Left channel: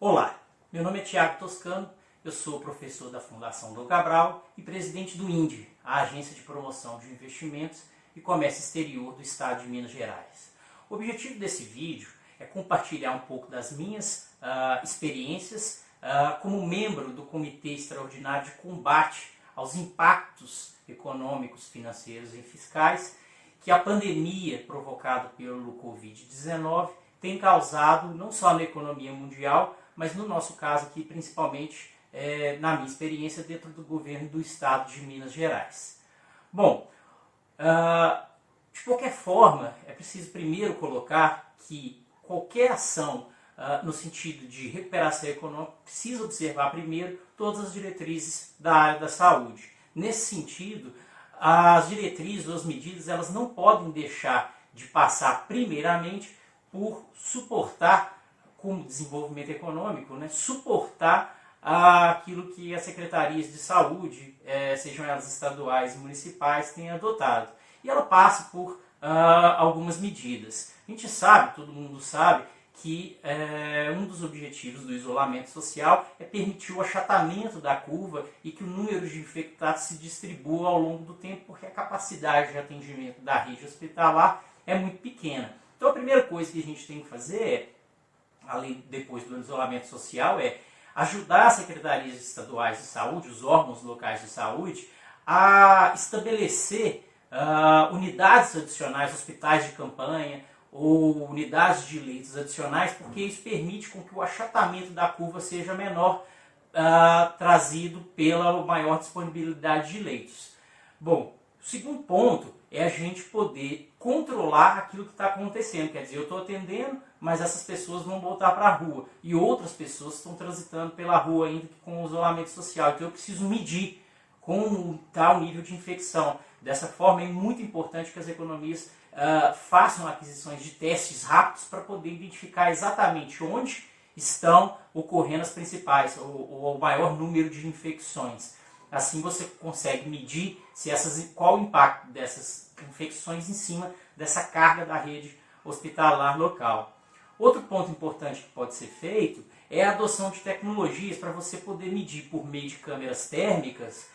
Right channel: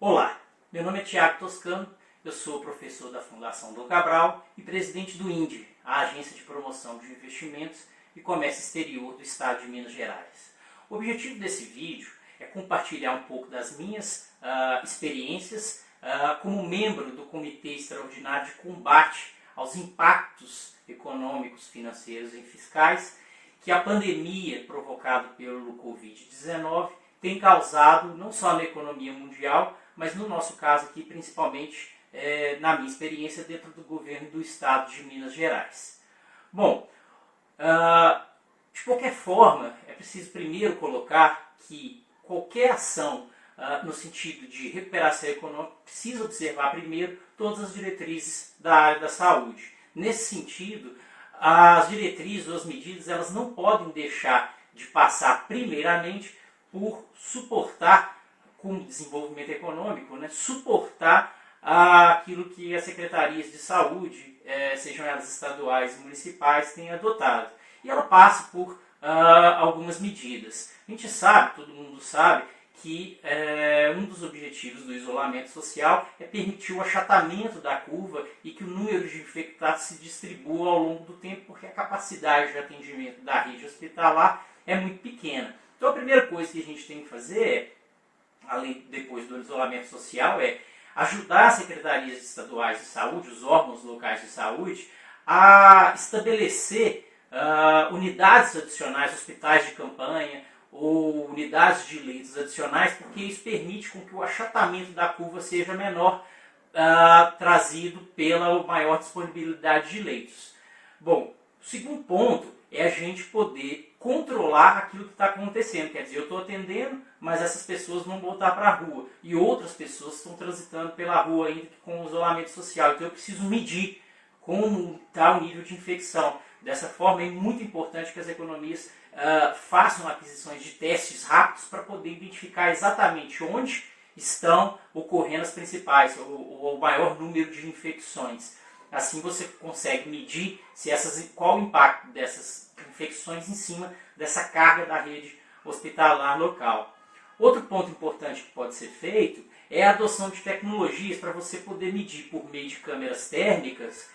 Olá, meu nome é Tiago Toscano, eu sou professor da Fundação Dom Cabral e presidente do INDE, a Agência de Promoção de Investimentos e Comércio Exterior do Estado de Minas Gerais. O objetivo desse vídeo é compartilhar um pouco das minhas experiências como membro do Comitê Extraordinário de Combate aos Impactos Econômicos, Financeiros e Fiscais que a pandemia provocada pelo Covid-19 tem causado não só na economia mundial, mas no nosso caso aqui, principalmente na minha experiência dentro do governo do Estado de Minas Gerais. Bom, de qualquer forma, é preciso primeiro colocar que qualquer ação no sentido de recuperação econômica precisa observar primeiro todas as diretrizes da área da saúde. Nesse sentido, as diretrizes ou as medidas elas não podem deixar de passar primeiramente por suportar, como desenvolvimento econômico, suportar aquilo que as secretarias de saúde, sejam elas estaduais e municipais, têm adotado. E ela passa por algumas medidas. A gente sabe, todo mundo sabe, que um dos objetivos do isolamento social é permitir o achatamento da curva e que o número de infectados se distribua ao longo do tempo, porque a capacidade de atendimento da rede hospitalar é muito pequena. Então a primeira coisa que a gente tem que fazer, depois do isolamento social, é ajudar as secretarias estaduais de saúde, os órgãos locais de saúde, a estabelecer unidades adicionais, hospitais de campanha ou unidades de leitos adicionais, porque isso permite com que o achatamento da curva seja menor, trazido pela maior disponibilidade de leitos. Bom, o segundo ponto é a gente poder controlar aquilo que está acontecendo. Quer dizer, eu estou atendendo, mas essas pessoas vão voltar para a rua. E outras pessoas estão transitando pela rua ainda com o isolamento social. Então eu preciso medir como está o nível de infecção. Dessa forma é muito importante que as economias façam aquisições de testes rápidos para poder identificar exatamente onde estão ocorrendo as principais, ou o maior número de infecções. Assim você consegue medir qual o impacto dessas infecções em cima dessa carga da rede hospitalar local. Outro ponto importante que pode ser feito é a adoção de tecnologias para você poder medir por meio de câmeras térmicas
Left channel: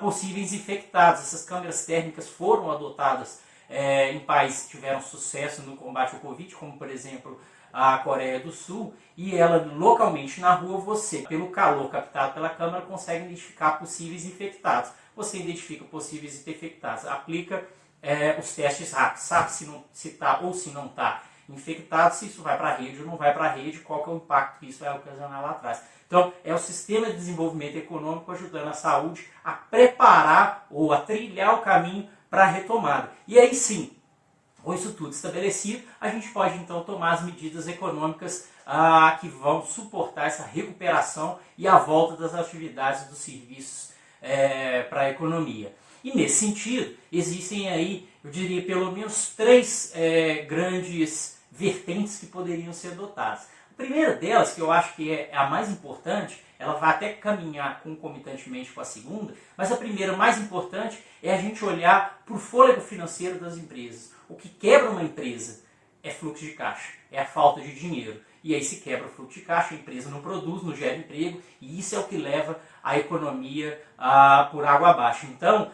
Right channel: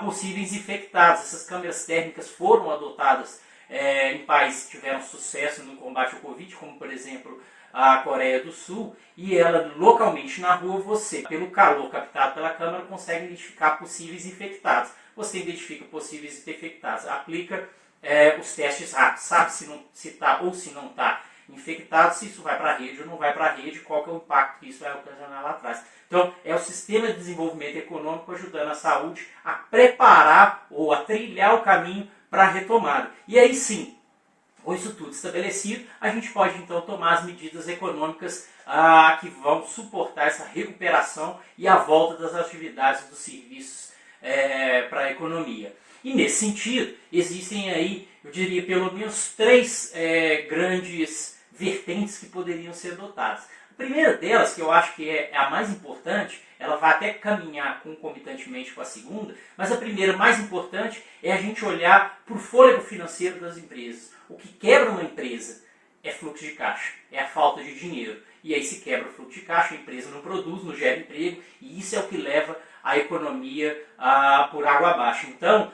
possíveis infectados. Essas câmeras térmicas foram adotadas em países que tiveram sucesso no combate ao Covid, como por exemplo a Coreia do Sul, e ela localmente na rua, você, pelo calor captado pela câmera, consegue identificar possíveis infectados. Você identifica possíveis infectados, aplica os testes rápidos, sabe se está ou se não está infectado, se isso vai para a rede ou não vai para a rede, qual que é o impacto que isso vai ocasionar lá atrás. Então, é o sistema de desenvolvimento econômico ajudando a saúde a preparar ou a trilhar o caminho para a retomada. E aí sim, com isso tudo estabelecido, a gente pode então tomar as medidas econômicas que vão suportar essa recuperação e a volta das atividades dos serviços para a economia. E nesse sentido, existem aí, eu diria, pelo menos três grandes vertentes que poderiam ser adotadas. A primeira delas, que eu acho que é a mais importante, ela vai até caminhar concomitantemente com a segunda, mas a primeira, mais importante, é a gente olhar para o fôlego financeiro das empresas. O que quebra uma empresa é fluxo de caixa, é a falta de dinheiro. E aí se quebra o fluxo de caixa, a empresa não produz, não gera emprego, e isso é o que leva a economia por água abaixo. Então,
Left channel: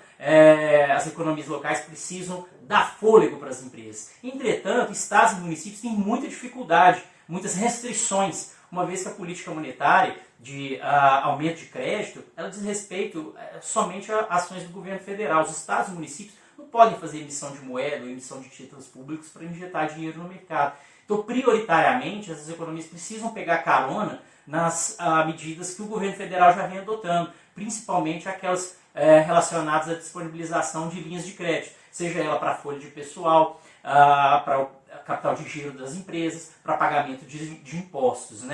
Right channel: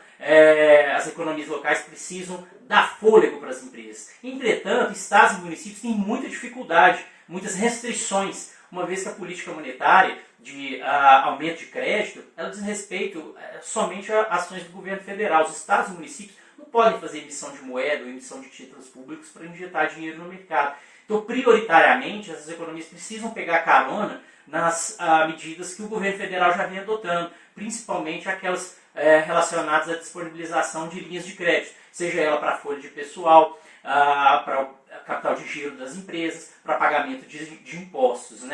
as economias locais precisam dar fôlego para as empresas. Entretanto, estados e municípios têm muita dificuldade, muitas restrições, uma vez que a política monetária de aumento de crédito, ela diz respeito somente a ações do governo federal. Os estados e municípios não podem fazer emissão de moeda ou emissão de títulos públicos para injetar dinheiro no mercado. Então, prioritariamente, essas economias precisam pegar carona nas medidas que o governo federal já vem adotando, principalmente aquelas relacionadas à disponibilização de linhas de crédito, seja ela para a folha de pessoal, para o capital de giro das empresas, para pagamento de impostos,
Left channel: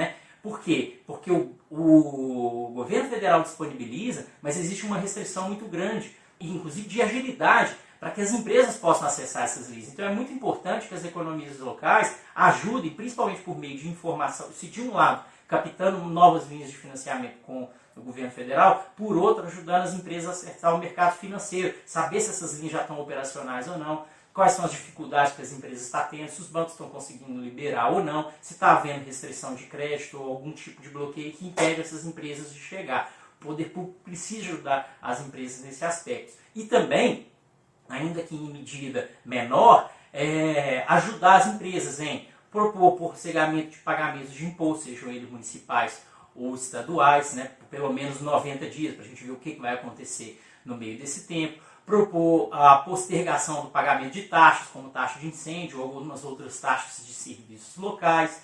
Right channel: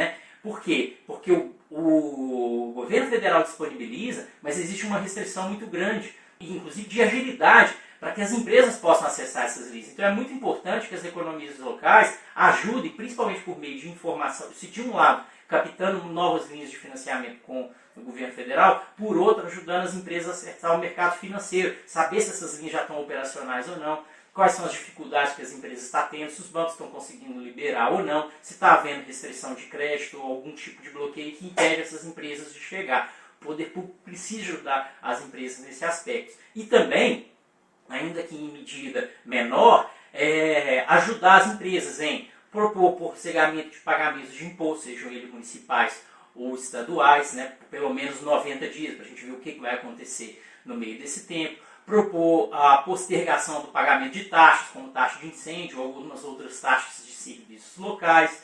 Por quê? Porque o governo federal disponibiliza, mas existe uma restrição muito grande, inclusive de agilidade, para que as empresas possam acessar essas linhas. Então é muito importante que as economias locais ajudem, principalmente por meio de informação, se de um lado captando novas linhas de financiamento com o governo federal, por outro ajudando as empresas a acessar o mercado financeiro, saber se essas linhas já estão operacionais ou não. quais são as dificuldades que as empresas estão tendo, se os bancos estão conseguindo liberar ou não, se está havendo restrição de crédito ou algum tipo de bloqueio que impede essas empresas de chegar. O poder público precisa ajudar as empresas nesse aspecto. E também, ainda que em medida menor, ajudar as empresas em propor processamento de pagamentos de impostos, sejam eles municipais ou estaduais, né, por pelo menos 90 dias, para a gente ver o que vai acontecer no meio desse tempo. Propor a postergação do pagamento de taxas, como taxa de incêndio ou algumas outras taxas de serviços locais.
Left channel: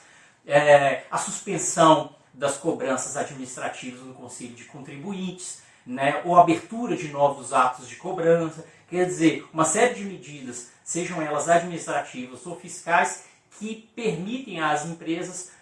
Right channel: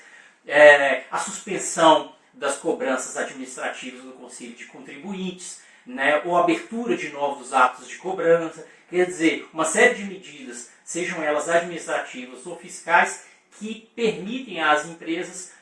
A suspensão das cobranças administrativas no Conselho de Contribuintes, né, ou abertura de novos atos de cobrança. Quer dizer, uma série de medidas, sejam elas administrativas ou fiscais, que permitem às empresas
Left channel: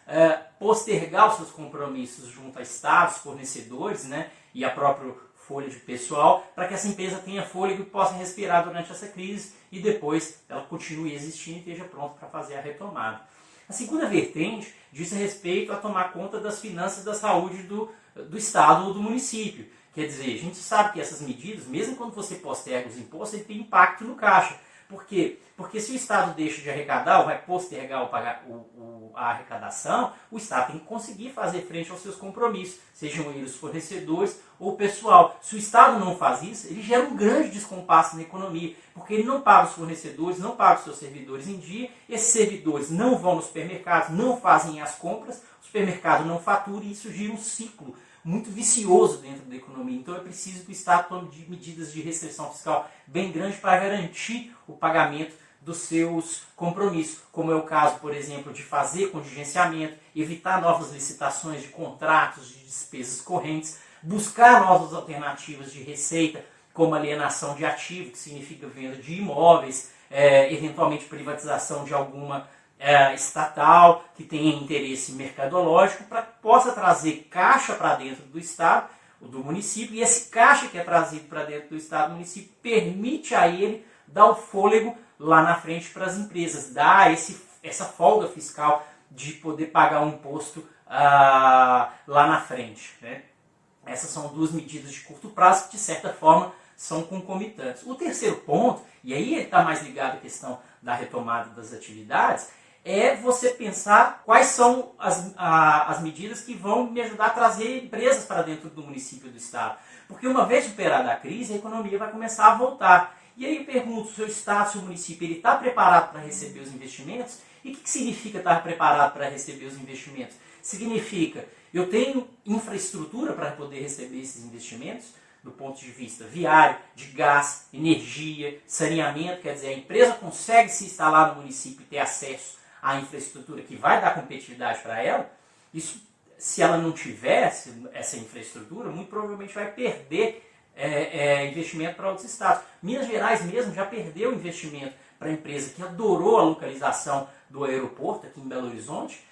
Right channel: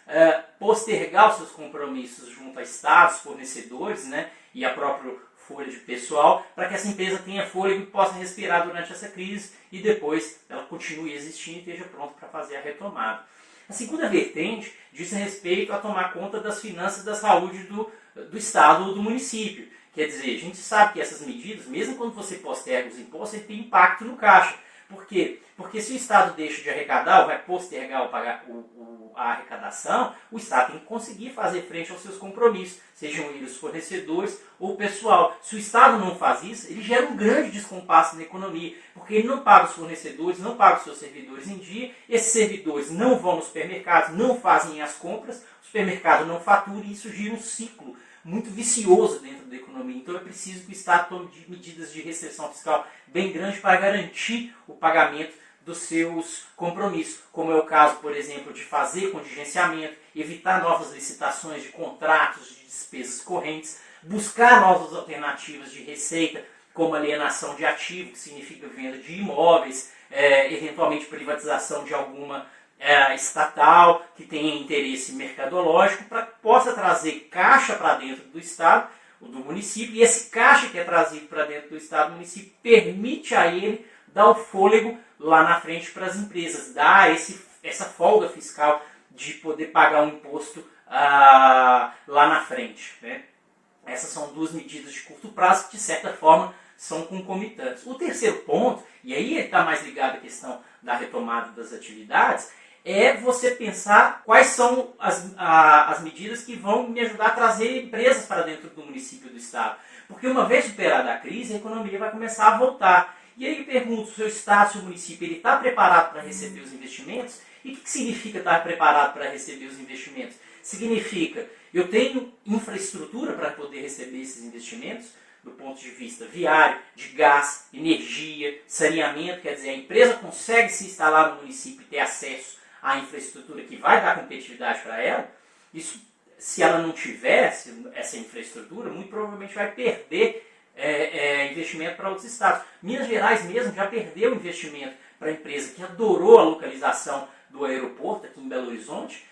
postergar os seus compromissos junto a estados, fornecedores, né, e a própria folha de pessoal, para que essa empresa tenha fôlego e possa respirar durante essa crise e depois ela continue existindo e esteja pronta para fazer a retomada. A segunda vertente diz respeito a tomar conta das finanças da saúde do estado ou do município. Quer dizer, a gente sabe que essas medidas, mesmo quando você posterga os impostos, ele tem impacto no caixa. Por quê? Porque se o Estado deixa de arrecadar ou vai postergar a arrecadação, o Estado tem que conseguir fazer frente aos seus compromissos, sejam eles os fornecedores ou o pessoal. Se o Estado não faz isso, ele gera um grande descompasso na economia, porque ele não paga os fornecedores, não paga os seus servidores em dia, esses servidores não vão nos supermercados, não fazem as compras, o supermercado não fatura e isso gira um ciclo muito vicioso dentro da economia. Então é preciso que o Estado tome medidas de restrição fiscal bem grandes para garantir o pagamento dos seus compromissos, como é o caso, por exemplo, de fazer contingenciamento, evitar novas licitações de contratos, de despesas correntes, buscar novas alternativas de receita, como alienação de ativo, que significa venda de imóveis, eventualmente privatização de alguma estatal que tenha interesse mercadológico, para que possa trazer caixa para dentro do Estado, do município, e esse caixa que é trazido para dentro do Estado, do município, permite a ele dar o fôlego lá na frente para as empresas, dar essa folga fiscal de poder pagar um imposto lá na frente, né? Essas são duas medidas de curto prazo que, de certa forma, são concomitantes. O terceiro ponto, e aí está mais ligado à questão da retomada das atividades, é você pensar quais são as medidas que vão me ajudar a trazer empresas para dentro do município, do estado. Porque uma vez superada a crise, a economia vai começar a voltar. E aí eu pergunto, o seu estado, o seu município, ele está preparado para receber os investimentos? E o que significa estar preparado para receber os investimentos? Significa, eu tenho infraestrutura para poder receber esses investimentos, do ponto de vista viário, de gás, energia, saneamento, quer dizer, a empresa consegue se instalar no município e ter acesso à infraestrutura que vai dar competitividade para ela. Isso, se ela não tivesse essa infraestrutura, muito provavelmente vai perder investimento para outros estados. Minas Gerais mesmo já perdeu investimento para a empresa que adorou a localização do aeroporto aqui em Belo Horizonte,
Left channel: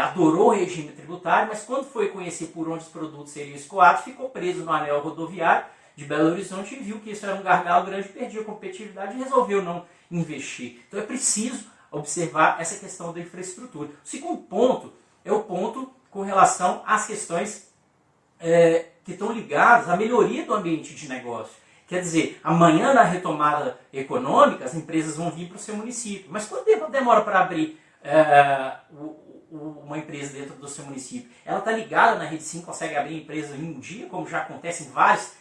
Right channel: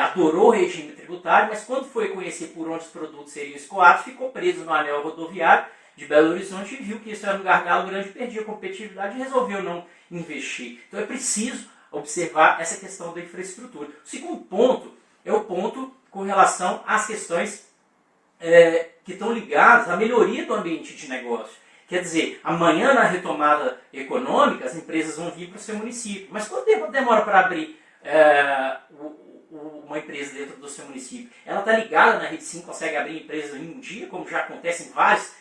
adorou o regime tributário, mas quando foi conhecer por onde os produtos seriam escoados, ficou preso no anel rodoviário de Belo Horizonte e viu que isso era um gargalo grande, perdia a competitividade e resolveu não investir. Então é preciso observar essa questão da infraestrutura. O segundo ponto é o ponto com relação às questões que estão ligadas à melhoria do ambiente de negócio. Quer dizer, amanhã na retomada econômica as empresas vão vir para o seu município. Mas quanto tempo demora para abrir uma empresa dentro do seu município? Ela está ligada na Rede Sim, consegue abrir empresa em um dia, como já acontece em várias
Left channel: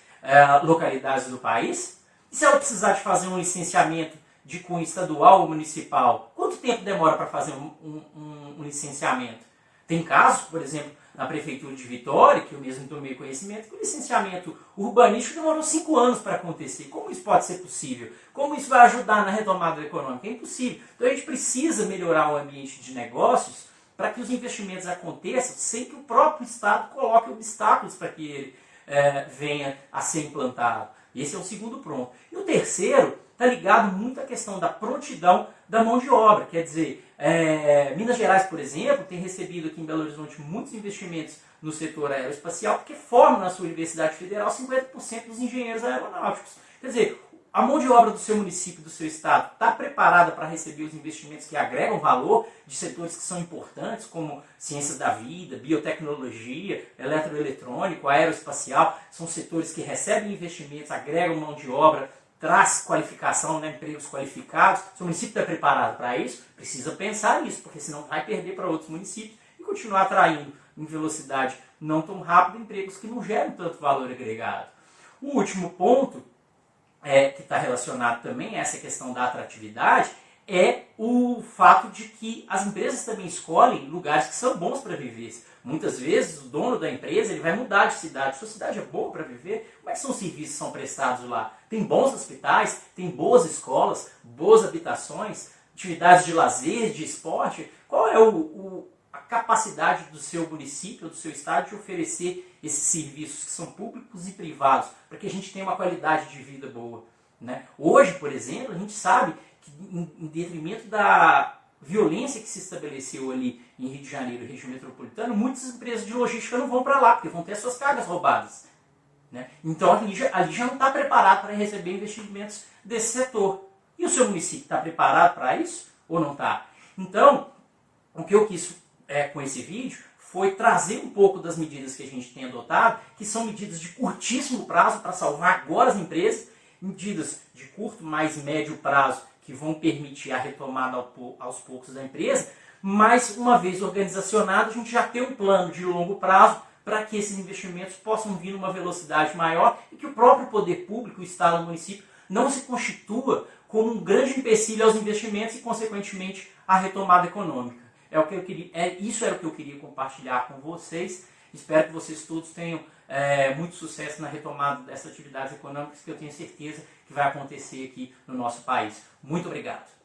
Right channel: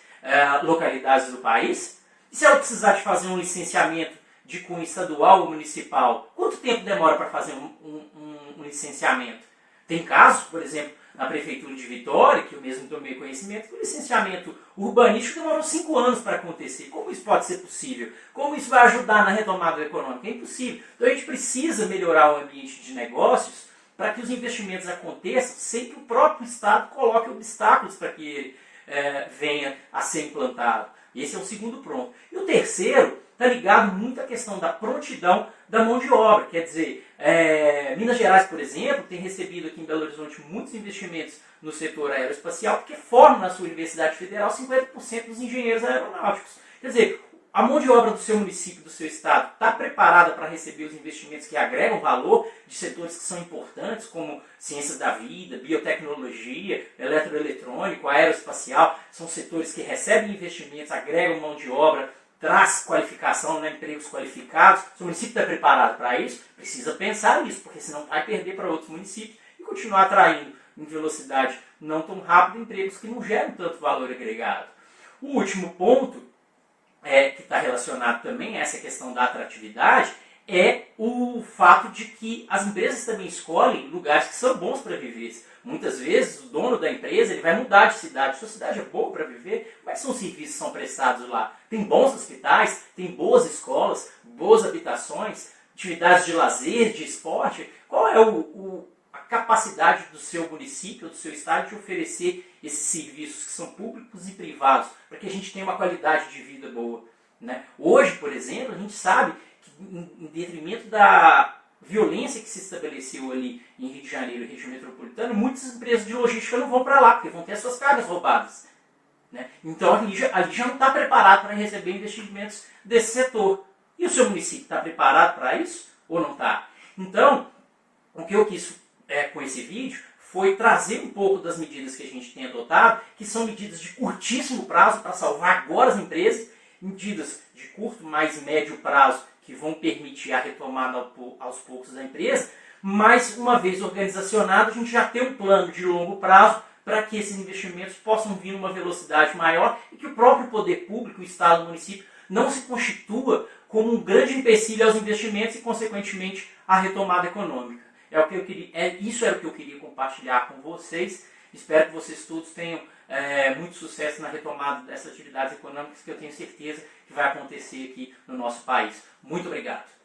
localidades do país? E se ela precisar de fazer um licenciamento de cunho estadual ou municipal, quanto tempo demora para fazer um licenciamento? Tem casos, por exemplo, na Prefeitura de Vitória, que eu mesmo tomei conhecimento, que o licenciamento urbanístico demorou 5 anos para acontecer. Como isso pode ser possível? Como isso vai ajudar na retomada econômica? É impossível. Então a gente precisa melhorar o ambiente de negócios para que os investimentos aconteçam sem que o próprio Estado coloque obstáculos para que ele venha a ser implantado. Esse é o segundo ponto. E o terceiro está ligado muito à questão da prontidão da mão de obra. Quer dizer, Minas Gerais, por exemplo, tem recebido aqui em Belo Horizonte muitos investimentos no setor aeroespacial, porque forma na sua Universidade Federal 50% dos engenheiros aeronáuticos. Quer dizer, a mão de obra do seu município, do seu estado, está preparada para receber os investimentos que agregam valor de setores que são importantes, como ciências da vida, biotecnologia, eletroeletrônico, aeroespacial. São setores que recebem investimentos, agregam mão de obra traz qualificação, né, empregos qualificados. Se o município está preparado para isso, precisa pensar nisso, porque senão vai perder para outros municípios e continuar atraindo em velocidade não tão rápida empregos que não geram tanto valor agregado. O último ponto, que está relacionado também a essa questão da atratividade, é o fato de que as empresas também escolhem lugares que são bons para viver. Muitas vezes o dono da empresa ele vai mudar de cidade. Sua cidade é boa para viver? Como é que são os serviços que são prestados lá? Tem bons hospitais, tem boas escolas, boas habitações, atividades de lazer, de esporte? Qual é a capacidade do seu município, do seu estado de oferecer esses serviços que são públicos e privados para que a gente tenha uma qualidade de vida boa, né? Hoje, por exemplo, a gente sabe que em detrimento da violência que se estabeleceu ali em Rio de Janeiro e região metropolitana, muitas empresas de logística não vão para lá, porque vão ter as suas cargas roubadas, né? Então ali já não está preparado para receber investimentos desse setor. E o seu município está preparado para isso ou não está? Então, o que eu quis com esse vídeo foi trazer um pouco das medidas que a gente tem adotado, que são medidas de curtíssimo prazo para salvar agora as empresas, medidas de curto, mais médio prazo, que vão permitir a retomada aos poucos da empresa, mas uma vez organizacionado, a gente já tem um plano de longo prazo para que esses investimentos possam vir numa velocidade maior e que o próprio poder público, o Estado, o município, não se constitua como um grande empecilho aos investimentos e, consequentemente, à retomada econômica. Isso era o que eu queria compartilhar com vocês. Espero que vocês todos tenham muito sucesso na retomada dessas atividades econômicas que eu tenho certeza que vai acontecer aqui no nosso país. Muito obrigado.